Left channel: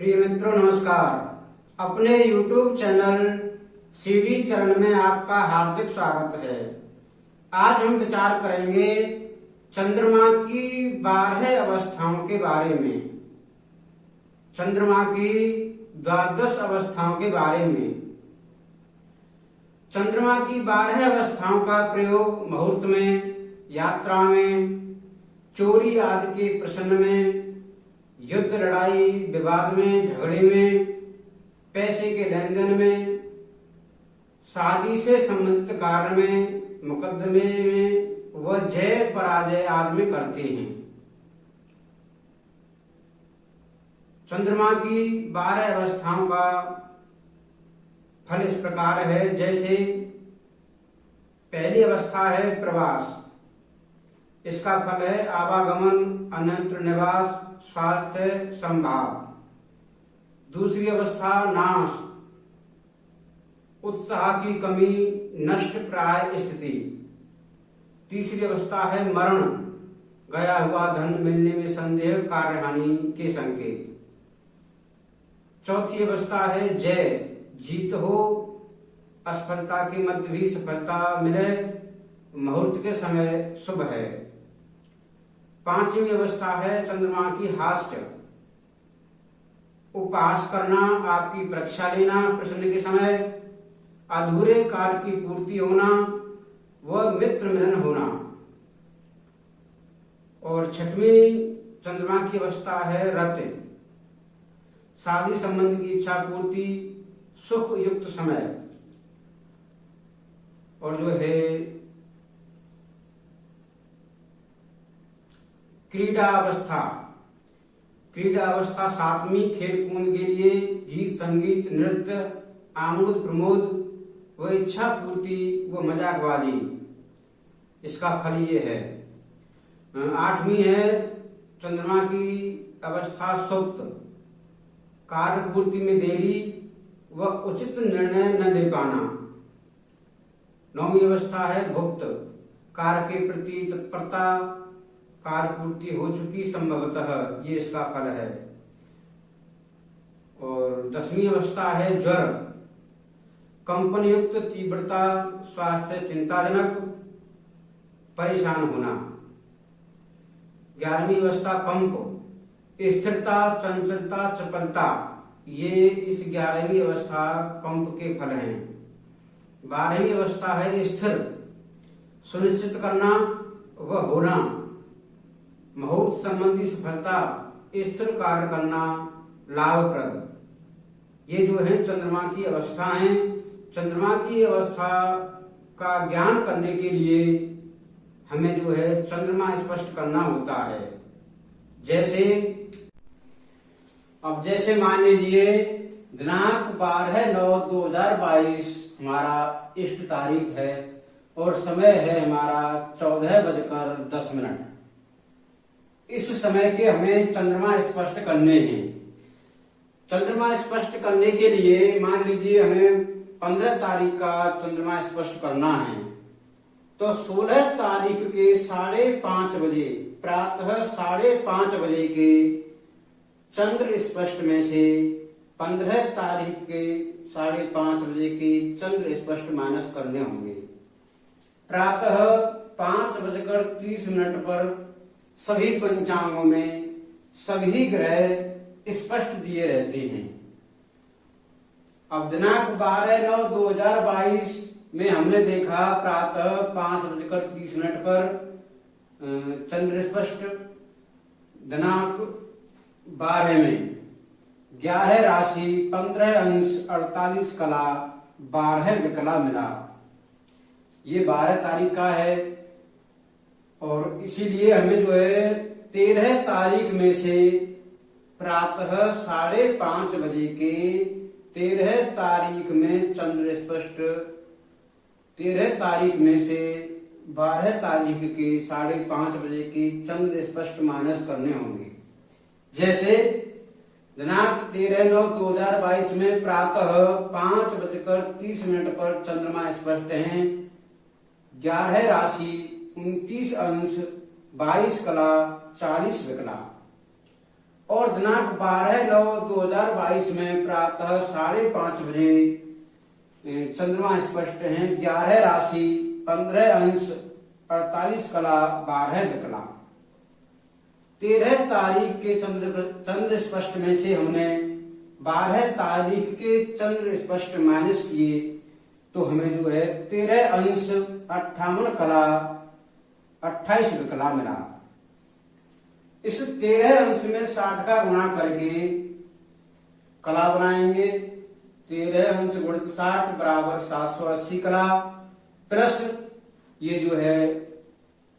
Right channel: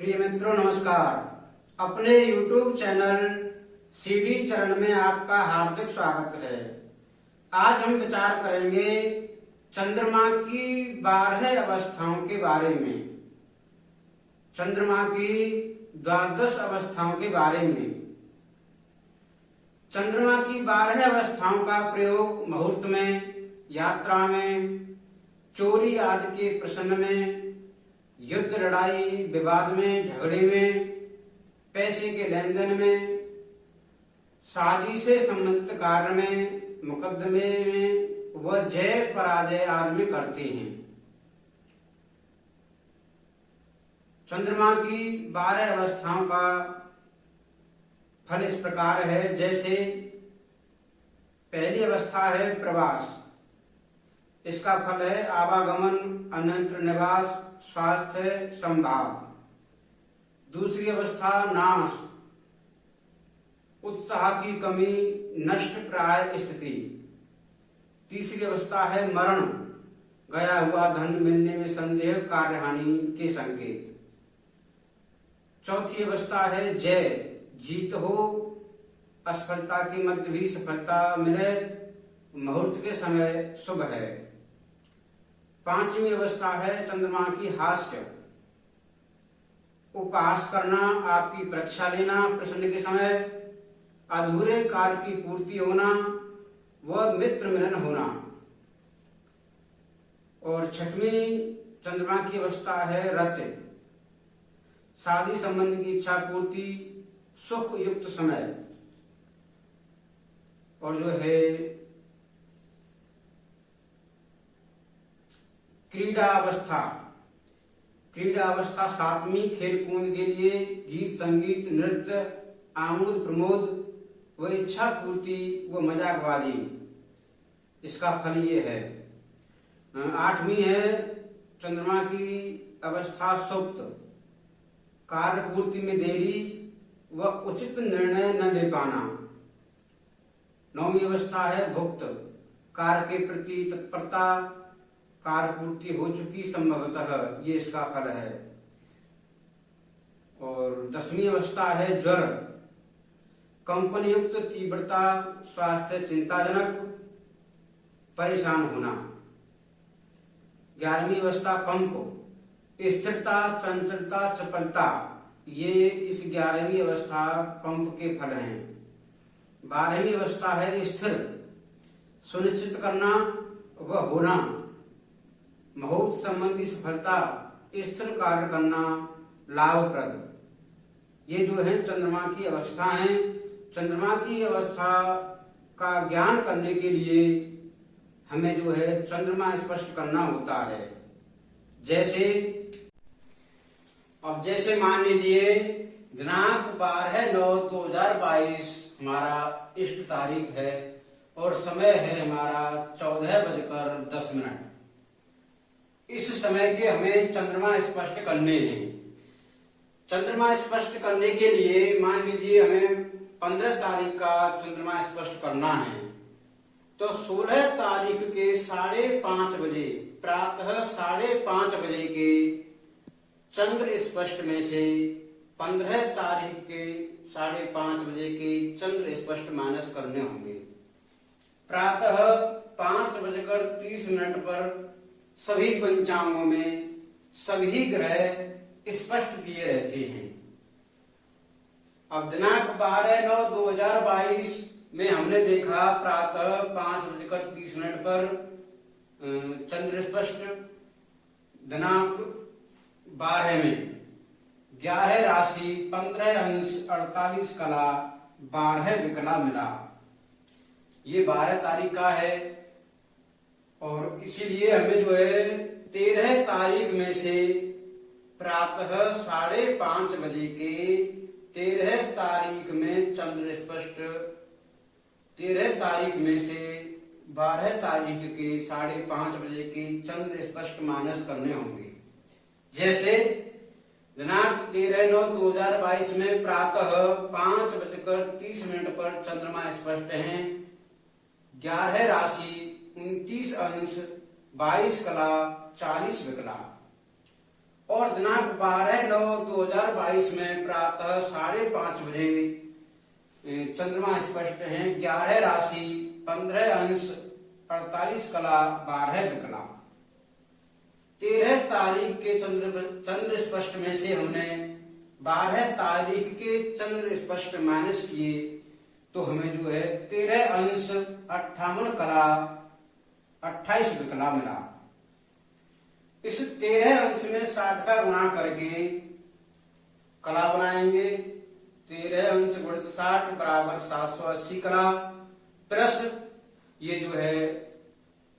प्रिय मित्रों नमस्कार। अपने YouTube चैनल सीडी चरण में आपका हार्दिक स्वागत है। आज हम विचार करेंगे चंद्रमा की 12 अवस्थाओं के बारे में, चंद्रमा की 12 अवस्थाओं के बारे में। चंद्रमा की 12 अवस्थाओं का प्रयोग मुहूर्त में, यात्रा में, चोरी आदि के प्रश्न में, युद्ध लड़ाई विवाद में, झगड़े में, पैसे के लेन देन में, शादी से संबंधित कार्य में, मुकदमे में व जय पराजय आदि में करते हैं। चंद्रमा की 12 अवस्थाओं का फल इस प्रकार है। जैसे पहली अवस्था है प्रवास। इसका फल है आवागमन, अन्यत्र निवास, स्वास्थ्य संभाव। दूसरी अवस्था नाश, उत्साह की कमी, नष्ट प्राय स्थिति। तीसरी अवस्था है मरण, गया हुआ धन मिलने में संदेह, कार्यहानि के संकेत। चौथी अवस्था है जय, जीत हो, असफलता के मध्य भी सफलता मिले, मुहूर्त के समय शुभ है। पांचवी अवस्था है चंद्रमा की हास्य, उपहास करना, आपकी परीक्षा लेना, प्रश्न के समय अधूरे कार्य की पूर्ति होना व मित्र मिलन होना। और छठवीं चंद्रमा की अवस्था है रत, शादी संबंध की इच्छा पूर्ति, सुख युक्त समय। और जो है क्रीड़ा अवस्था। क्रीड़ा अवस्था सातवीं, खेल कूद के लिए गीत संगीत नृत्य, आमोद प्रमोद व इच्छा पूर्ति व मजाकबाजी। इसका फल ये है। आठवीं है चंद्रमा की अवस्था सुप्त, कार्य पूर्ति में देरी व उचित निर्णय न ले पाना। नौवीं अवस्था है भुक्त, कार्य के प्रति तत्परता, कार्य पूर्ति हो चुकी संभवतः, ये इसका फल है। और 10वीं अवस्था है ज्वर, कंपन युक्त तीव्रता, स्वास्थ्य चिंताजनक, परेशान होना। 11वीं अवस्था कंप, स्थिरता, चंचलता, चपलता। ये इस 11वीं अवस्था कंप के फल हैं। 12वीं अवस्था है स्थिर, सुनिश्चित करना व होना, मुहूर्त संबंधी सफलता, स्थिर कार्य करना, लाभप्रद। ये जो है चंद्रमा की अवस्था है। चंद्रमा की अवस्था का ज्ञान करने के लिए हमें जो है चंद्रमा स्पष्ट करना होता है। जैसे मान लीजिए दिनांक 12/9/2022 हमारा इष्ट तारीख है और समय है हमारा 14:10। इस समय के हमें चंद्रमा स्पष्ट करने हैं। चंद्रमा स्पष्ट करने के लिए मान लीजिए हमें 15 तारीख का चंद्रमा स्पष्ट करना है, तो 16 तारीख के 5:30 बजे, प्रातः 5:30 बजे के चंद्र स्पष्ट में से 15 तारीख के 5:30 बजे के चंद्र स्पष्ट माइनस करने होंगे। प्रातः 5:30 पर सभी पंचांगों में सभी ग्रह स्पष्ट दिए रहते हैं। अब दिनांक 12/9/2022 में हमने देखा प्रातः 5:30 पर चंद्र स्पष्ट। दिनांक 12 में 11 राशि 15 अंश 48 कला 12 विकला मिला। ये 12 तारीख का है और इसीलिए हमें जो है 13 तारीख में से प्रातः 5:30 बजे के 13 तारीख में चंद्र स्पष्ट, 13 तारीख में से 12 तारीख के 5:30 बजे के चंद्र स्पष्ट माइनस करने होंगे। जैसे दिनांक 13/9/2022 में प्रातः 5:30 पर चंद्रमा स्पष्ट हैं। 11 राशि 29 अंश 22 कला 40 विकला। और दिनांक 12/9/2022 में प्रातः 5:30 बजे चंद्रमा स्पष्ट है। 11 राशि 15 अंश 48 कला 12 विकला। 13 तारीख के चंद्र स्पष्ट में से हमने 12 तारीख के चंद्र स्पष्ट माइनस किए तो हमें जो है 13 अंश 58 कला 28 विकला मिला। इस 13 अंश में 60 का गुणा करके कला बनाएंगे। 13 अंश गुणित 60 बराबर 780 कला प्लस ये जो है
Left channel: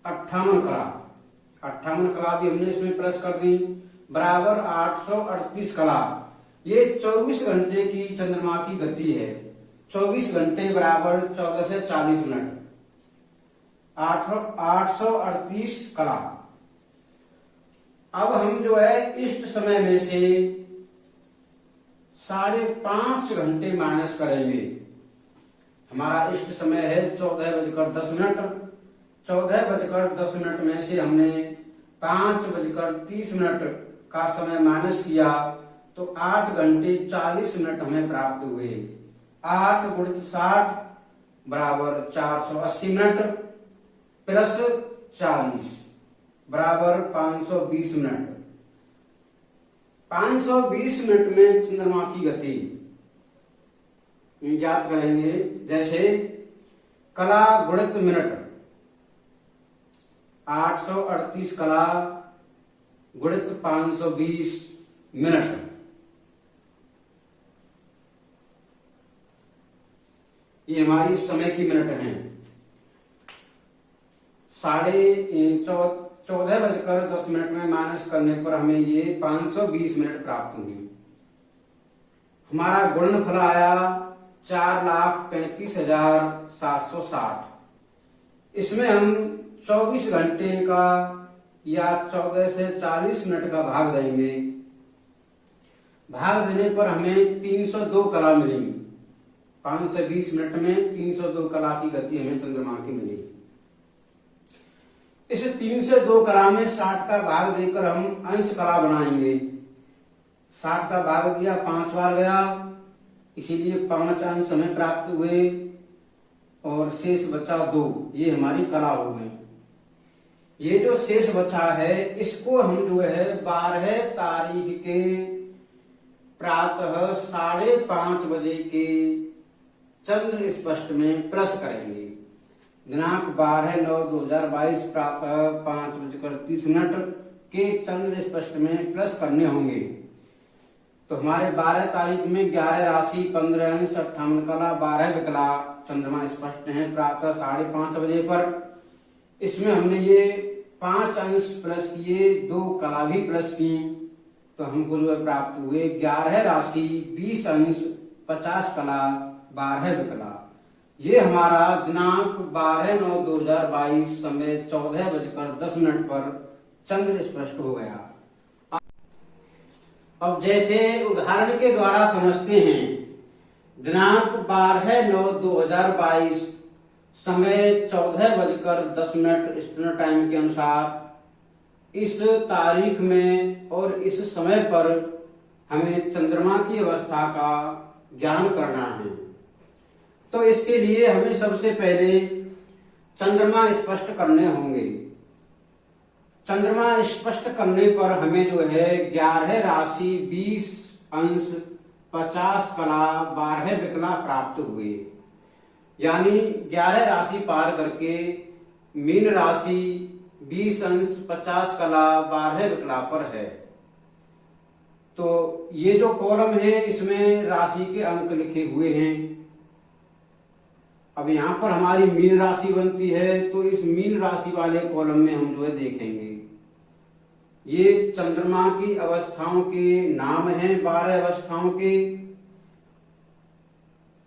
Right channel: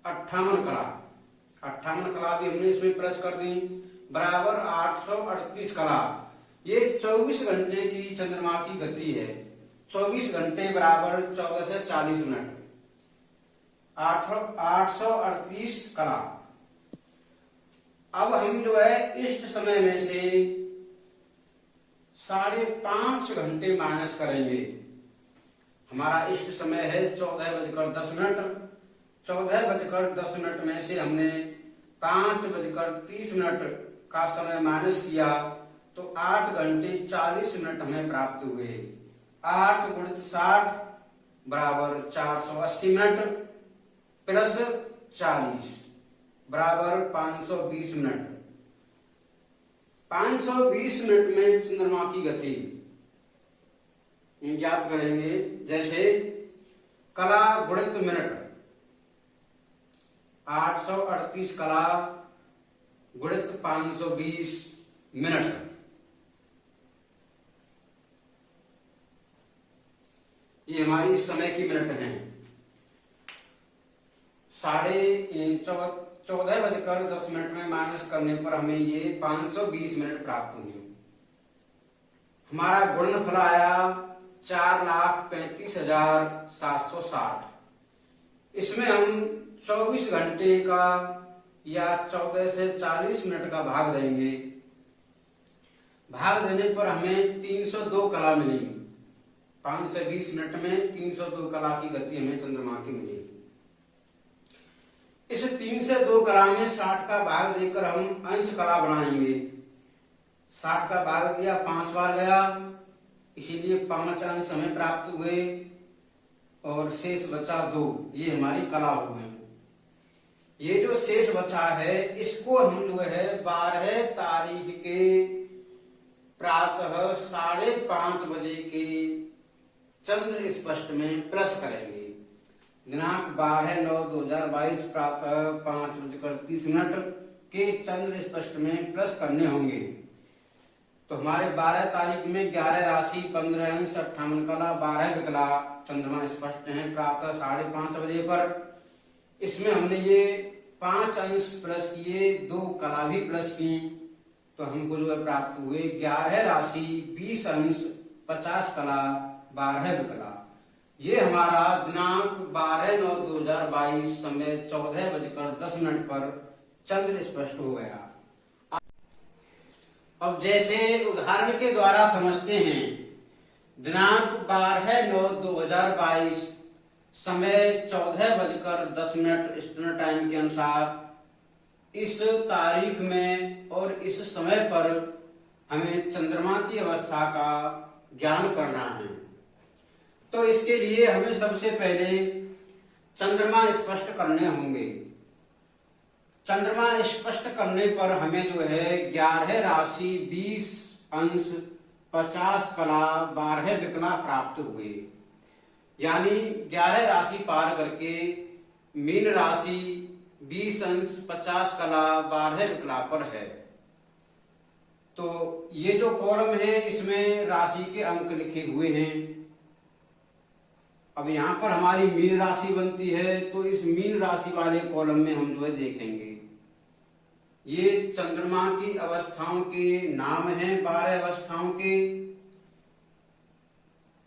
58 कला। 58 कला भी हमने इसमें प्लस कर दी बराबर 838 कला। ये 24 घंटे की चंद्रमा की गति है। 24 घंटे बराबर 14 से 40 मिनट 838 कला। अब हम जो है इष्ट समय में से 5.5 घंटे माइनस करेंगे। हमारा इष्ट समय है 14:10। 14:10 में से हमने 5:30 का समय माइनस किया तो 8 घंटे 40 मिनट हमें प्राप्त हुए। 8 गुणित 60 बराबर 480 मिनट प्लस 40 बराबर 520 मिनट। 520 मिनट में चंद्रमा की गति ज्ञात करेंगे। जैसे कला गुणित मिनट 838 कला गुणित 520 मिनट। ये हमारी समय की मिनट है। 14:10 में माइनस करने पर हमें ये 520 मिनट प्राप्त हुए। हमारा गुणनफल आया 4,35,760। इसमें हम 24 घंटे का या 14 से 40 मिनट का भाग देंगे। भाग देने पर हमें 302 कला मिलेगी। 520 मिनट में 302 कला की गति हमें चंद्रमा की मिलेगी। इस 302 कला में 60 का भाग देकर हम अंश कला बनाएंगे। 60 का भाग दिया 5 बार गया, इसीलिए 5 अंश हमें प्राप्त हुए और शेष बचा 2। ये हमारी कला हो गई। ये जो शेष बचा है इसको हम जो है 12 तारीख के प्रातः 5:30 बजे के चंद्र स्पष्ट में प्लस करेंगे। दिनांक 12/9/2022 प्रातः 5:30 के चंद्र स्पष्ट में प्लस करने होंगे। तो हमारे 12 तारीख में 11 राशि 15 अंश 58 कला 12 विकला चंद्रमा स्पष्ट है प्रातः 5:30 बजे पर। इसमें हमने ये 5 अंश प्लस किए, 2 कला भी प्लस की, तो हमको जो है प्राप्त हुए 11 राशि 20 अंश 50 कला 12 विकला। ये हमारा दिनांक 12/9/2022 समय 14:10 पर चंद्र स्पष्ट हो गया। अब जैसे उदाहरण के द्वारा समझते हैं। दिनांक 12/9/2022 समय 14:10 ईस्टर्न टाइम के अनुसार इस तारीख में और इस समय पर हमें चंद्रमा की अवस्था का ज्ञान करना है। तो इसके लिए हमें सबसे पहले चंद्रमा स्पष्ट करने होंगे। चंद्रमा स्पष्ट करने पर हमें जो है 11 राशि 20 अंश 50 कला 12 विकला प्राप्त हुए। यानी 11 राशि पार करके मीन राशि 20 अंश 50 कला 12 विकला पर है। तो ये जो कॉलम है इसमें राशि के अंक लिखे हुए हैं। अब यहाँ पर हमारी मीन राशि बनती है, तो इस मीन राशि वाले कॉलम में हम जो है देखेंगे ये चंद्रमा की अवस्थाओं के नाम हैं। 12 अवस्थाओं के,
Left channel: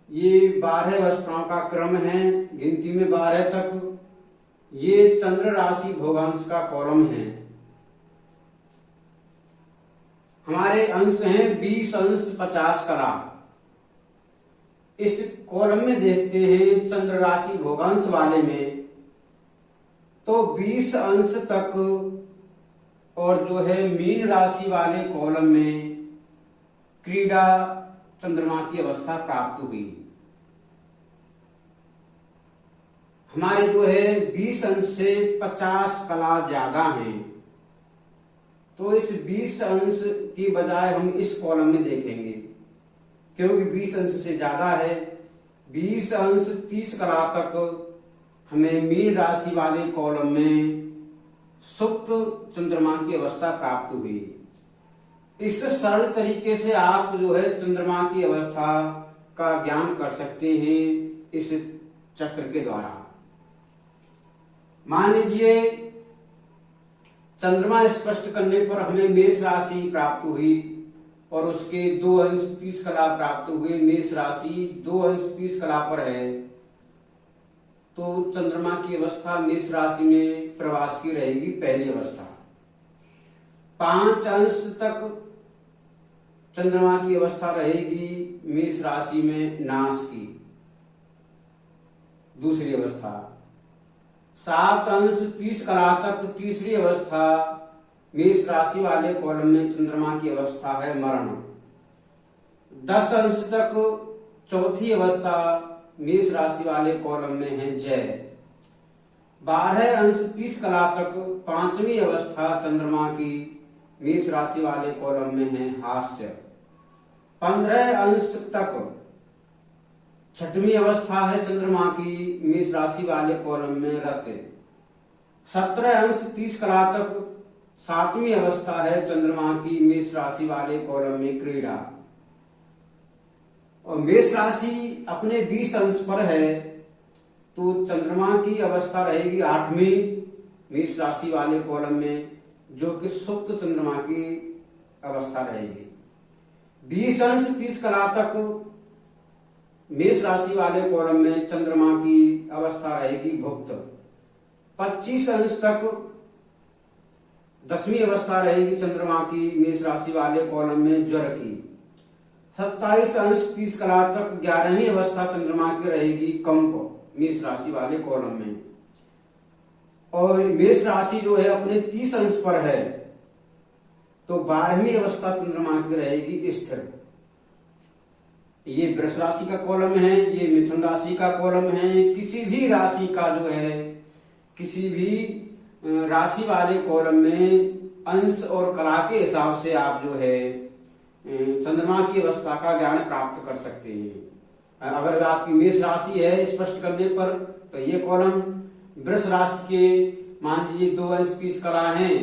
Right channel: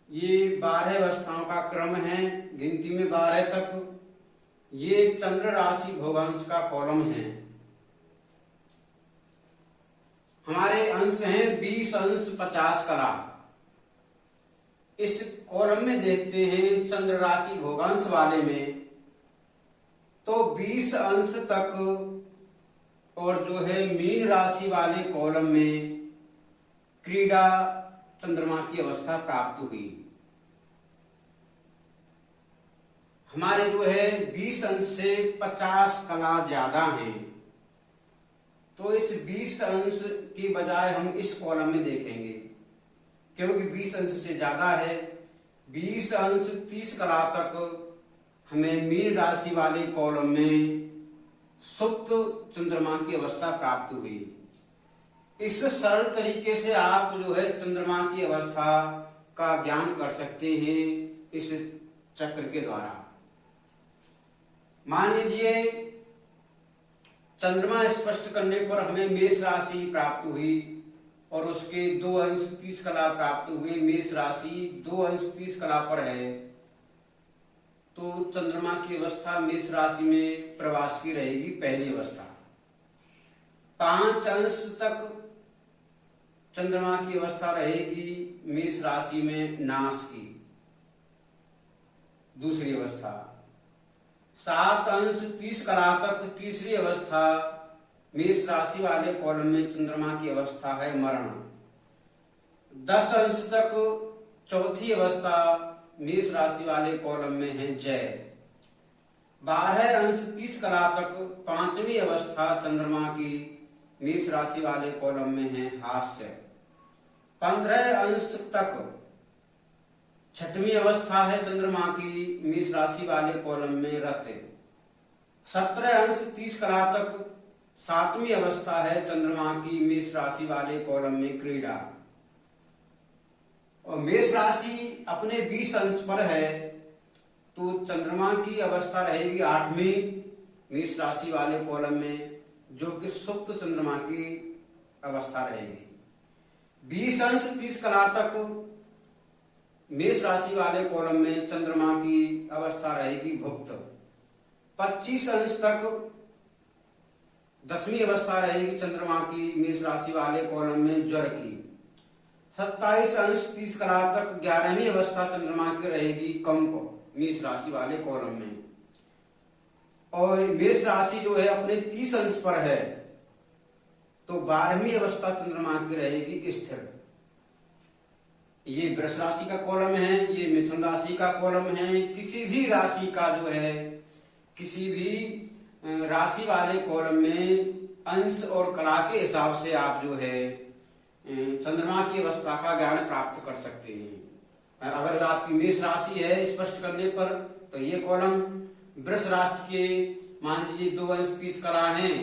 ये 12 अवस्थाओं का क्रम है, गिनती में 12 तक। ये चंद्र राशि भोगांश का कॉलम है। हमारे अंश हैं 20 अंश 50 कला। इस कॉलम में देखते हैं चंद्र राशि भोगांश वाले में, तो 20 अंश तक और जो है मीन राशि वाले कॉलम में क्रीड़ा चंद्रमा की अवस्था प्राप्त हुई। हमारे जो है 20 अंश से 50 कला ज्यादा हैं, तो इस 20 अंश की बजाय हम इस कॉलम में देखेंगे, क्योंकि 20 अंश से ज्यादा है। 20 अंश 30 कला तक हमें मीन राशि वाले कॉलम में सुप्त चंद्रमा की अवस्था प्राप्त हुई। इस सरल तरीके से आप जो है चंद्रमा की अवस्था का ज्ञान कर सकते हैं इस चक्र के द्वारा। मान लीजिए चंद्रमा स्पष्ट करने पर हमें मेष राशि प्राप्त हुई और उसके 2 अंश 30 कला प्राप्त हुए। मेष राशि 2 अंश 30 कला पर है, तो चंद्रमा की अवस्था मेष राशि में प्रवास की रहेगी, पहली अवस्था। 5 अंश तक चंद्रमा की अवस्था रहेगी मेष राशि में नाश की, दूसरी अवस्था। 7 अंश 30 कला तक तीसरी अवस्था मेष राशि वाले कॉलम में चंद्रमा की अवस्था है मरण। 10 अंश तक चौथी अवस्था मेष राशि वाले कॉलम में है जय। 12 अंश 30 कला तक पांचवी अवस्था चंद्रमा की मेष राशि वाले कॉलम में है हास्य। 15 अंश तक छठवीं अवस्था है चंद्रमा की मेष राशि वाले कॉलम में रत। 17 अंश 30 कला तक सातवीं अवस्था है चंद्रमा की मेष राशि वाले कॉलम में क्रीड़ा। और मेष राशि अपने 20 अंश पर है, तो चंद्रमा की अवस्था रहेगी 8वीं मेष राशि वाले कॉलम में, जो कि सुप्त चंद्रमा की अवस्था रहेगी। 20 अंश 30 कला तक मेष राशि वाले कॉलम में चंद्रमा की अवस्था रहेगी भुक्त। 25 अंश तक 10वीं अवस्था रहेगी चंद्रमा की मेष राशि वाले कॉलम में ज्वर की। 27 अंश 30 कला तक 11वीं अवस्था चंद्रमा की रहेगी कंप मेष राशि वाले कॉलम में। और मेष राशि जो है अपने 30 अंश पर है, तो 12वीं अवस्था चंद्रमा की रहेगी स्थिर। ये वृष राशि का कॉलम है, ये मिथुन राशि का कॉलम है। किसी भी राशि का जो है, किसी भी राशि वाले कॉलम में अंश और कला के हिसाब से आप जो है चंद्रमा की अवस्था का ज्ञान प्राप्त कर सकते हैं। अगर आपकी मेष राशि है स्पष्ट करने पर, तो ये कॉलम वृष राशि के मान लीजिए 2 अंश 30 कला है,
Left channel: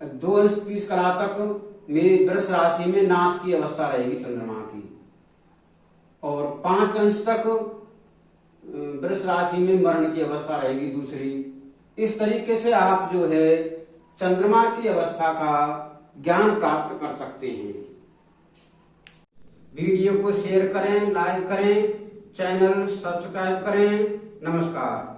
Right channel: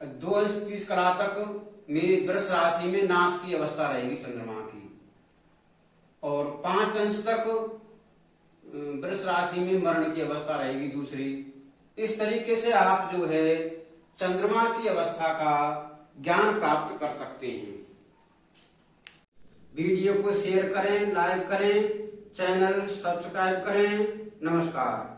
2 अंश 30 कला तक वृष राशि में नाश की अवस्था रहेगी चंद्रमा की, और 5 अंश तक वृष राशि में मरण की अवस्था रहेगी दूसरी। इस तरीके से आप जो है चंद्रमा की अवस्था का ज्ञान प्राप्त कर सकते हैं। वीडियो को शेयर करें, लाइक करें, चैनल सब्सक्राइब करें। नमस्कार।